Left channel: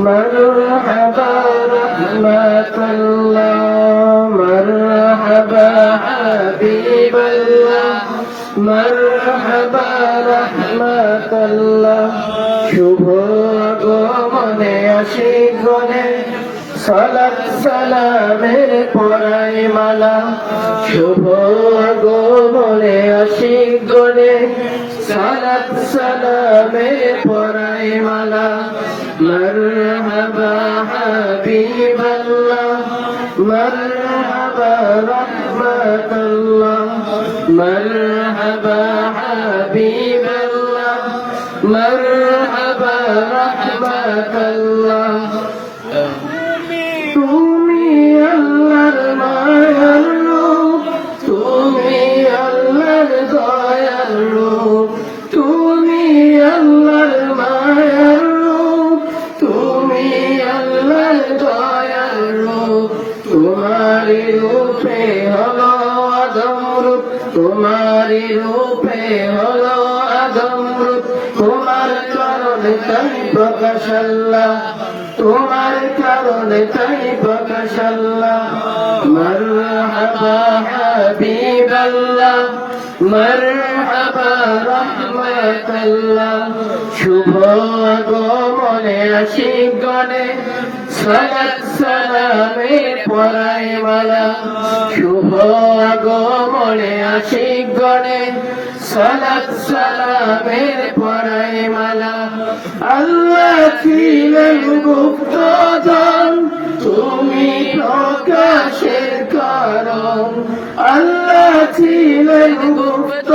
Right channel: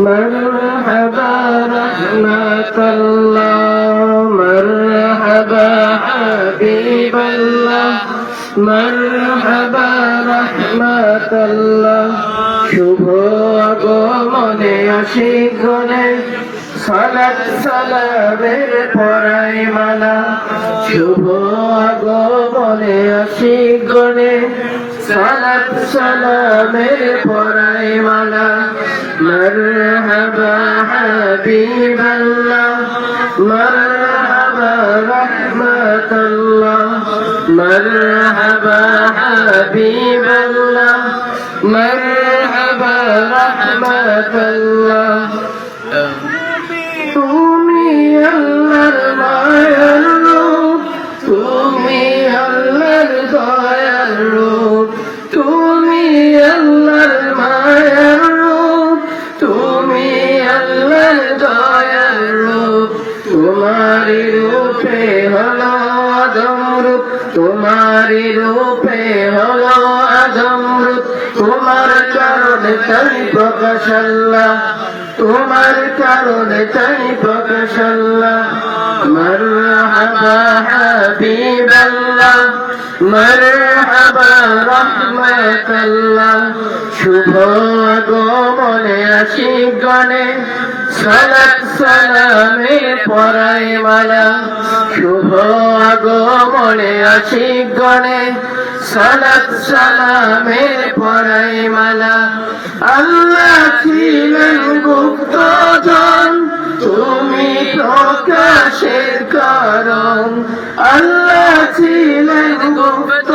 مرحبا رحمة الله مرحبا حبيب الله مرحبا رحمة الله শুভ আগমনে আশিক গণে সালাত সালামের পরাই মালা শুভ আগমনে আশিক গণে সালাত সালামের পরাই আমার হাবিবাল্লাহ, মারহাবা রহমাতাল্লাহ। শুভ আগমনে আশিক গণে, সালাত সালামে পরাই মালা। শুভ আগমনে আশিক গণে, সালাত সালামে পরাই মালা। আল্লাহ ছিলেন গুপ্তজন তুমি প্রকাশের কারণ। আল্লাহ ছিলেন গুপ্ত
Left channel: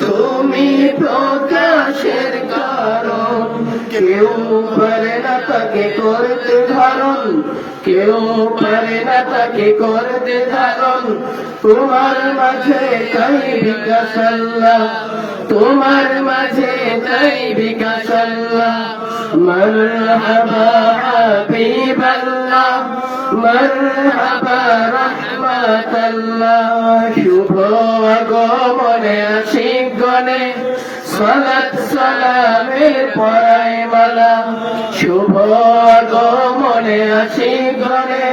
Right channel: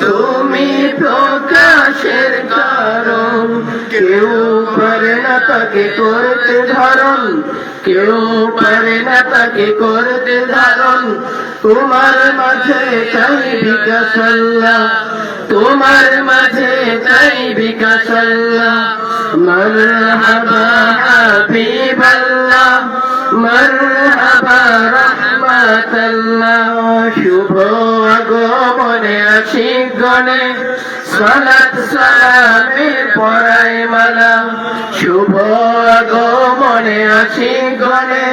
তুমি প্রকাশের কারণ। কেউ পারে না তাকে করতে ধারণ। কেউ পারে না তাকে করতে ধারণ। তোমার মাঝে চাই বিকাশ আল্লাহ। তোমার মাঝে চাই বিকাশ আল্লাহ। মরহাবা মারহাবা রাহমাতাল্লাহ, শুভ আগমনে আশিক গণে। সালাত সালামের পরাই মালা, শুভ আগমনে আশিক গণে।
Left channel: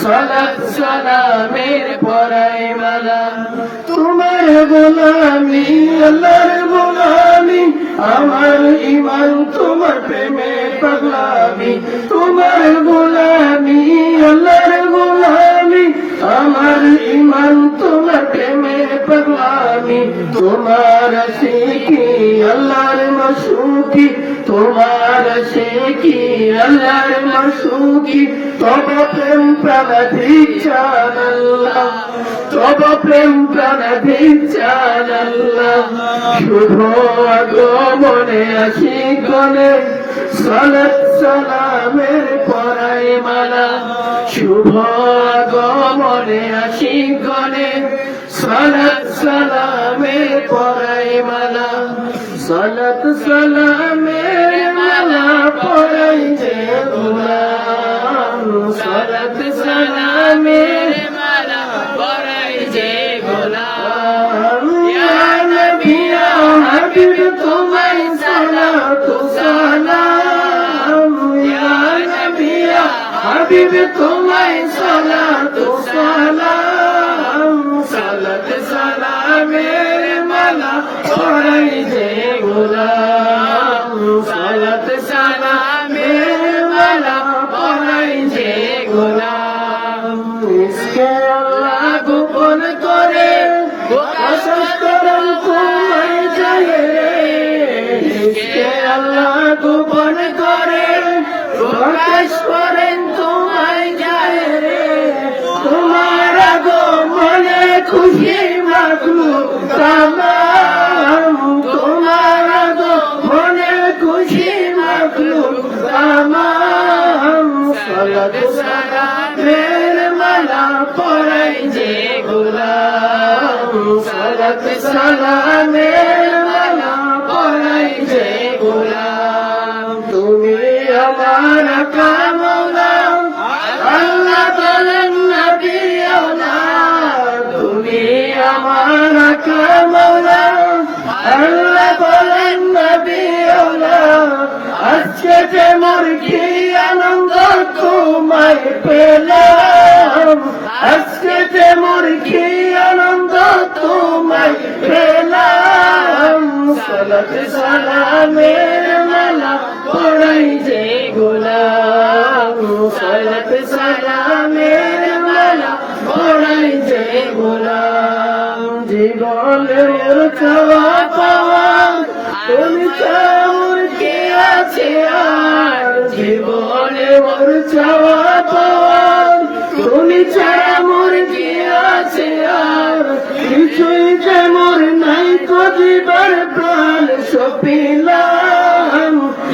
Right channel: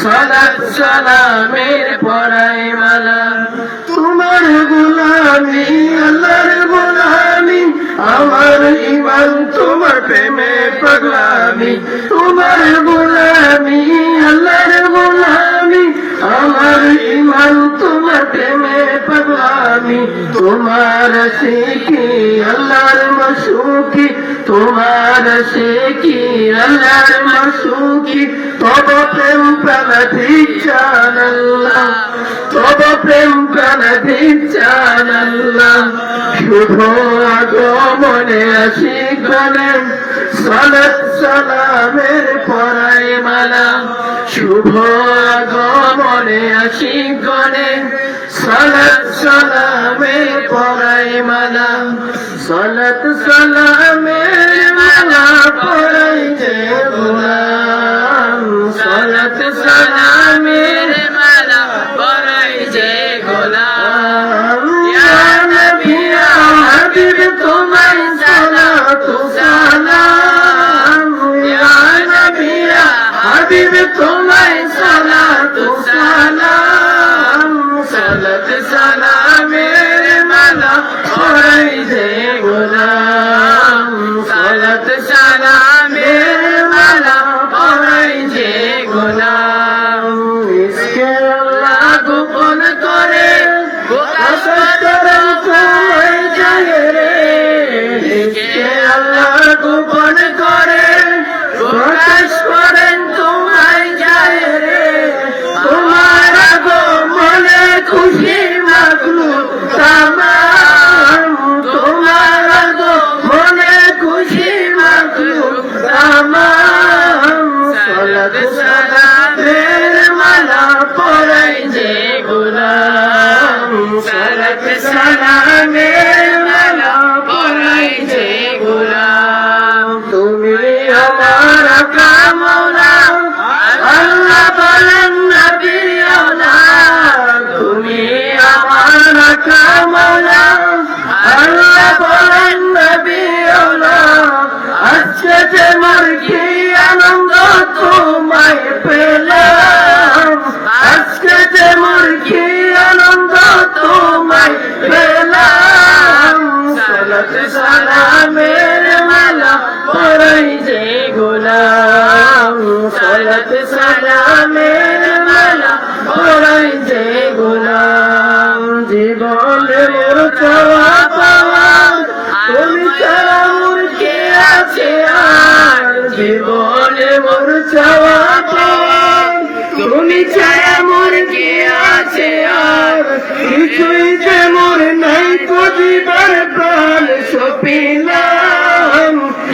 সালাত সালামের পরাই মালা, তোমার গোলামি, আল্লাহর গোলামি, আমার ইমান তোমার প্রেমে পাগ তোমার শিখি আল্লাহর মাসুকি। তোমার শিখি আল্লাহর মাসুকি। তব প্রেম প্রাণ আল্লাহ। তব প্রেম প্রাণ দিচ্ছান আল্লাহ। শুভ আগমনে আসি গলে সালাত সালামের পরাই মালা। শুভ আগমনে আসি গলে সালাত সালামের পরাই মালা। সালাত সালামের মালা পরাই যে গোলাম তোমায় সালাতু, সালাম, সালাত, সালামের মালা পরাই যে গোলাম। সালাত, সালামের মালা পরাই যে গোলাম। ইসকে আল্লাহ গোপন করে ইসকে আল্লাহ গোপন করে কামনা আল্লাহ বলেন নবী আজকে যে মোর কি আনন্দ তোমায় পেলাম। আজকে যে মোর কি আনন্দ তোমায় পেলাম। সালাত সালামের মালা পরাই যে গোলাম। সালাত মালা জীবনের মোর চাওয়া পাওয়া, তুমি ছাড়া মোর কে আছে আর? জীবনে মোর চাওয়া পাওয়া, তুমি ছাড়া মোর কে আছে আর? কিছুই যে মোর নাই কদিবার প্রাণ সপিলাম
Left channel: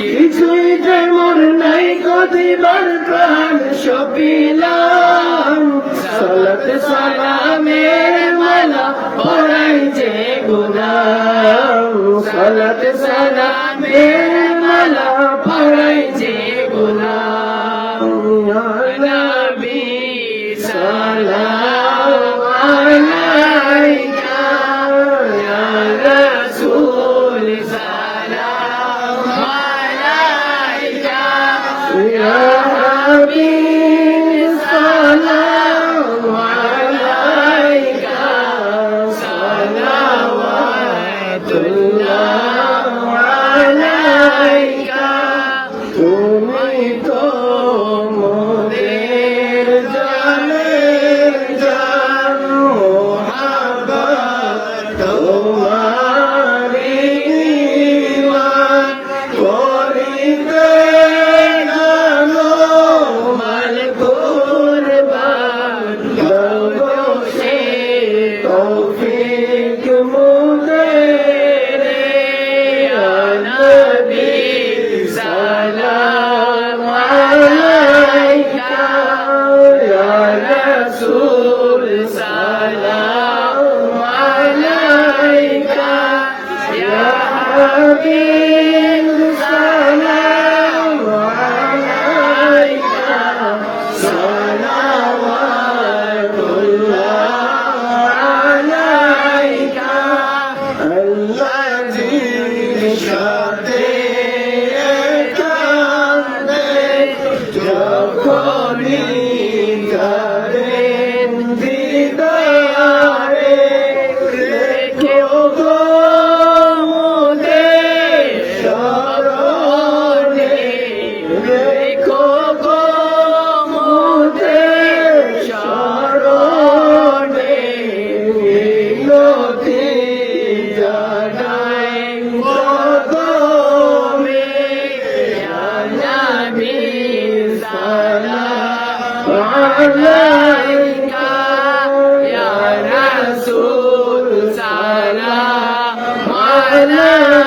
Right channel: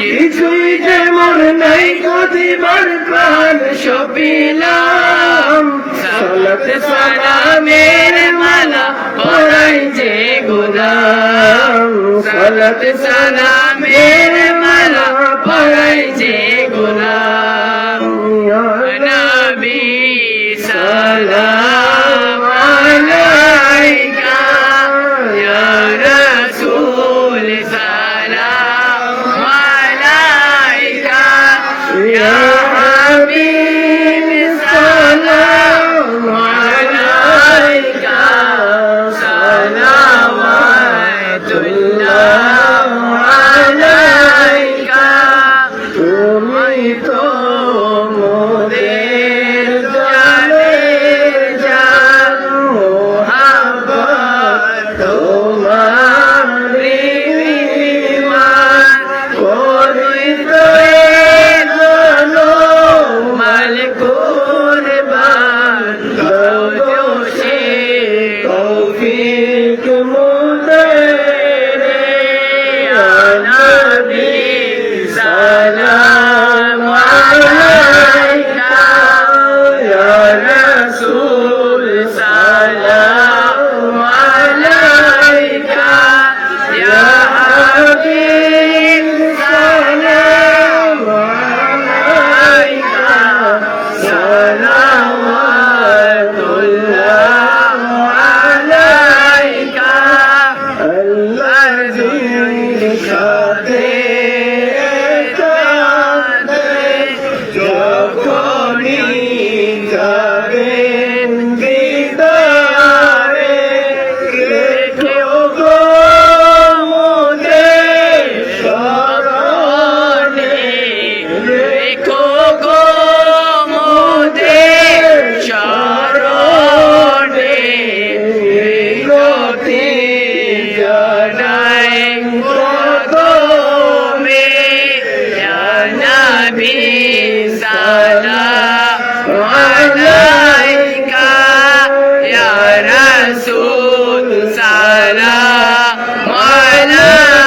কিছুই যেমন নাই কদিবার প্রাণ সপিলাম সলত সালামের মালা পরাই যে গোলাম সলত সালামের মালা পরাই যে সালাম